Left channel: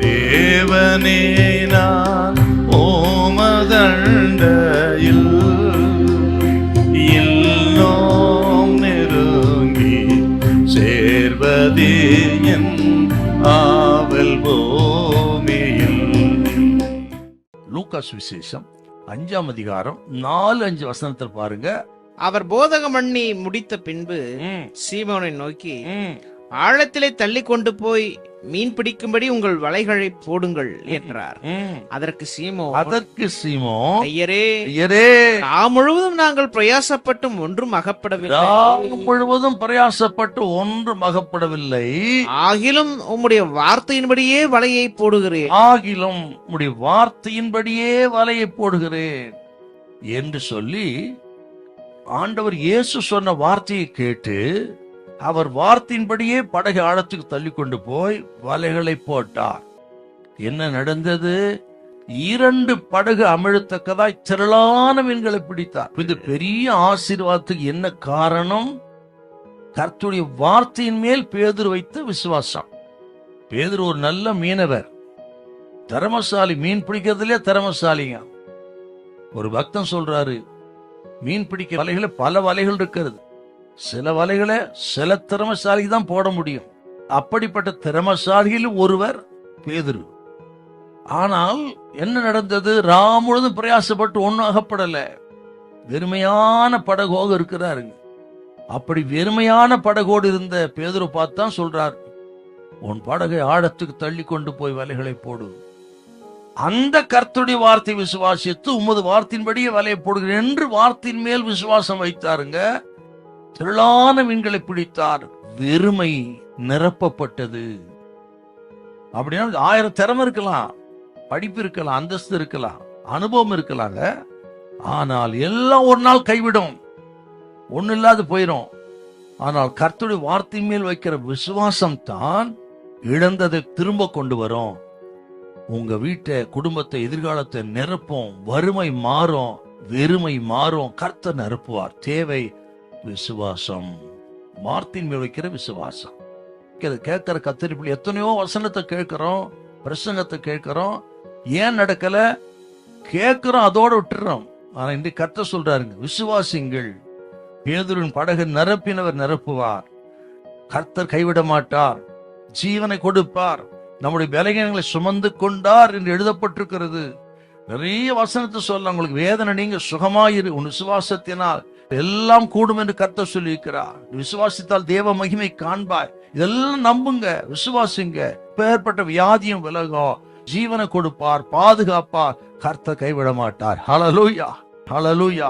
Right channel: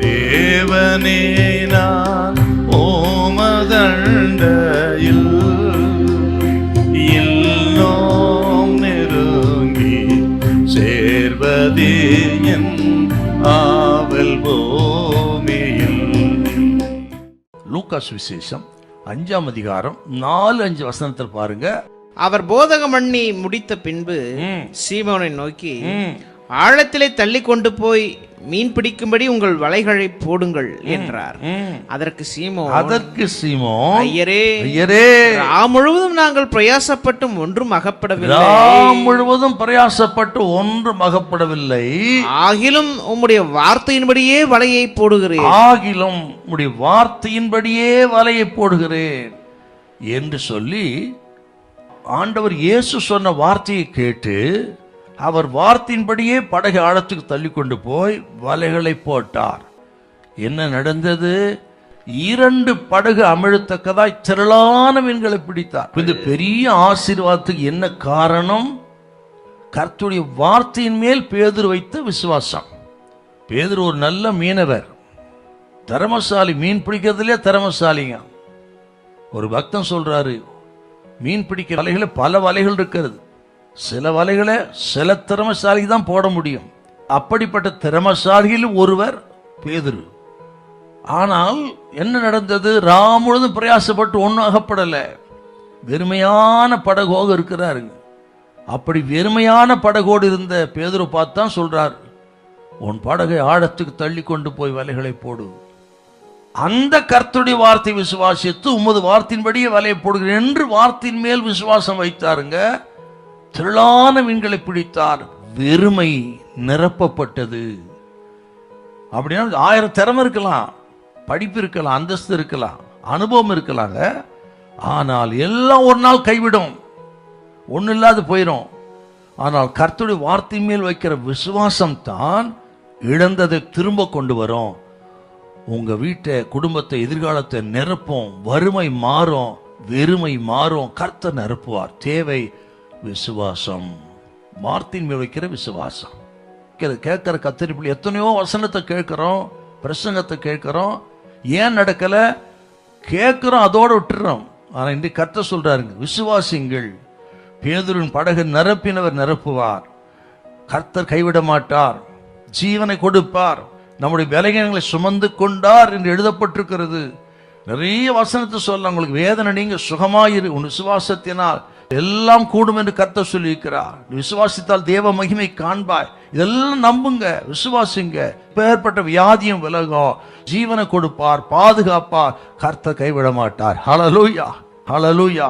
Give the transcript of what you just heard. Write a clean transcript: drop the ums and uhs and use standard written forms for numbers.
தேவனே நான் ஓமதண்டையில் இல்லோம் நெருங்கி சேர்வதே என் ஆவல் பூமியில். லூக்கா சுவிசேஷம் 5ஆம் அதிகாரம் 4-5 வசனத்தில் பாருங்க. அவர் போதகம் பண்ணி முடித்த பின்பு சீமோனை நோக்கி, ஆழத்திலே தள்ளி கொண்டு போய் மீன் பிடிக்கும்படி உங்கள் வலைகளை போடுங்கள் என்றார். அதற்கு சீமோன், ஐயரே, ராம் முழுவதும் நாங்கள் பிரயாசப்பட்டும் ஒன்றும் அகப்படவில்லை. ஆகிலும் உம்முடைய வார்த்தையின்படியே வலையை போடுகிறேன் என்று சொல்லி ஆண்டவர் இயேசு சொன்ன வார்த்தையை கேட்டு அவர் வார்த்தையின்படியே படகை ஆழத்துக்கு தள்ளி கொண்டு போய் வலைகளை போட்டார். என்ன நடந்தது? 2 படகு அமிழத்தக்கதாய் திரளான மீன்களை பிடித்தார். இந்த பெரிய ஆசீர்வாதத்துக்கு என்ன காரணம்? கர்த்தருடைய வார்த்தையின் மேல் பேதுரு வைத்த விசுவாசம். பேதுரு ஒரு நல்ல மீனவர், திறமசாலி, மீன் பிடிக்கிறதுலே திறமசாலிங்க. ஒரு பக்தன் சொல்றாரு, மீன் பிடிக்க வலைகளை பல வலைகள் இருக்கிறது, சில வலைகளை சில திறமசாலி தான் போட முடியும். அப்படிப்பட்ட திறமசாலியில் ஒருவர் பேதுரு. ஆனால் என்ன நடந்தது? ராம் முழுதும் பிரயாசப்பட்டு ஒன்னும் அகப்படல. வெறுமையான படகோடு இருக்கிறாருங்க. அப்படி வெறுமையான படகோடு இருந்த பேதுரு பார்த்தான் சொல்றார், உன் படகை ஆழத்துக்கு தள்ளி கொண்டு போய் வலைகளை போடு. அந்த கர்த்தருடைய வார்த்தை விசுவாசித்து உமது வார்த்தையின்படியே வலையை போடுகிறேன் என்று வார்த்தையின் மேல் விசுவாசம் வைத்தாருங்க. திரளான மீன்களை பிடித்தார். வெறுமை நிரப்பப்பட்டது. அப்படின்னா 1000 திறமை இருக்கலாம், படிப்பு இருக்கலாம், அந்தஸ்து இருக்கலாம், அனுபவம் இருக்கலாங்க. ஆனால் எல்லாம் ஒரு நாள் கைவிடும், ஒண்ணு இல்லாது போயிடும். ஆனால் கர்த்தருடைய வார்த்தையின் மேல் வைக்கிற விசுவாசம் தான் இழந்ததை திரும்ப கொண்டு வரும். உங்க வீட்டை, குடும்பத்தை, எதிர்காலத்தை நிரப்பும். வறுமை மாறும், வெறுமை மாறும், கர்த்தர் நிரப்புவார். தேவை விசுவாசம், வார்த்தையின் மேல் வைக்கிற விசுவாசம். கேட்கிற கத்தரிப்பில் எத்தனையோ வசனத்தை கேட்கிறோம், பிரசங்கத்தை கேட்கிறோம், ஏன் நடக்கல? கேட்கிறோம், அதோட விட்டுறோம். ஆனா இன்றைக்கு கர்த்தர் சொல்றாருங்க, விசுவாசிங்கள். பேதுருவின் படகு நிரப்பினவர் நிரப்புவார். கர்த்தர் கைவிட மாட்டார், ஜீவனை கொடுப்பார். நம்முடைய பலகீனங்களை சுமந்து கொண்டார் என்று எழுதப்பட்டிருக்கிறது. நிறைய வசனத்தை சொல்ல, உங்களுக்கு வேதனை நீங்க சுகமாயிரு, உன் விசுவாசத்தினால் எல்லாம் கூடும் என்று கர்த்தர் சொல்லி இருக்கிறார். விசுவாசித்தால் தேவ மகிமை காண்பாய். இதெல்லாம் நம்புங்க, விசுவாசிங்க. ஏற்பட்ட வியாதியும் விலகும், ஜீவனை கொடுப்பார், பாதுகாப்பார். கர்த்தர் கைவிட மாட்டார். ஹல்லேலூயா, ஹல்லேலூயா.